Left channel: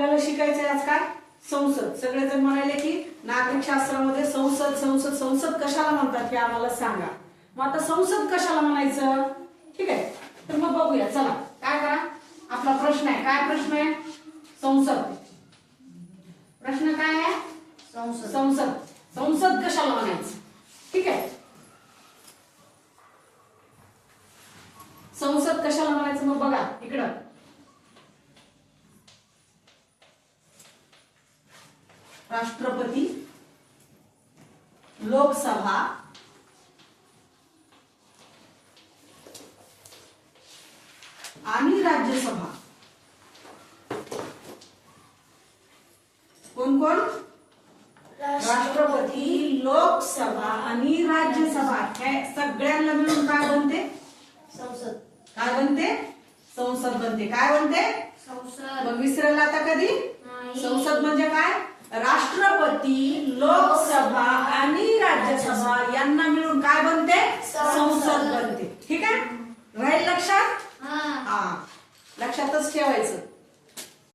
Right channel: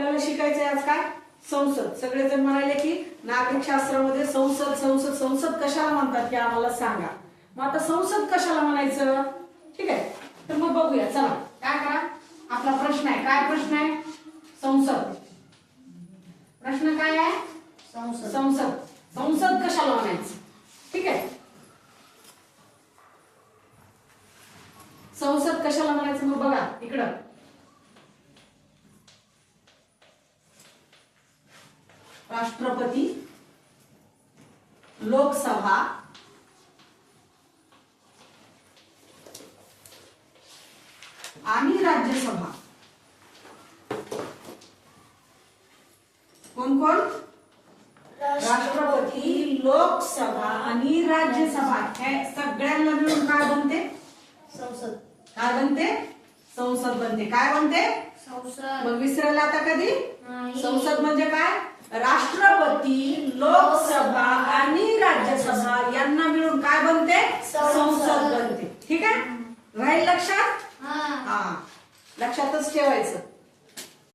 आपल्याला शिकायचंय आज काय? संसद. सगळेजण म्हणाले की नागरिक शास्त्रामध्ये संसद संसद संसद कशाला म्हणतात हे आम्हाला सांगा. मग आता संसद कशाला म्हणायचं? ठीक आहे. तर मग बघूया. चला. काय करा? आपला प्रश्न आहे. काय प्रश्न आहे? संसद. प्रश्न काय आहे? संसद. संसद. संसद कशाला म्हणायचं? ठीक आहे. संसद कशाला म्हणायचं? मग बघा. इकडं. राष्ट्रपती लोकसभा आणि राज्यसभा. कोण कोण? राष्ट्रपती लोकसभा आणि राज्यसभा हे सगळ्यांना मिळून काय बनते? संसद. काय बनते? संसद बनते. काय बनते? संसद. मग विसरायला आता कधी. संसद म्हणजे काय? राष्ट्रपती लोकसभा आणि राज्यसभा यांना मिळून काय बनते? संसद. बनते. ठीक आहे? राहील लक्षात? हा. हा. लक्षातच ठेवायचं.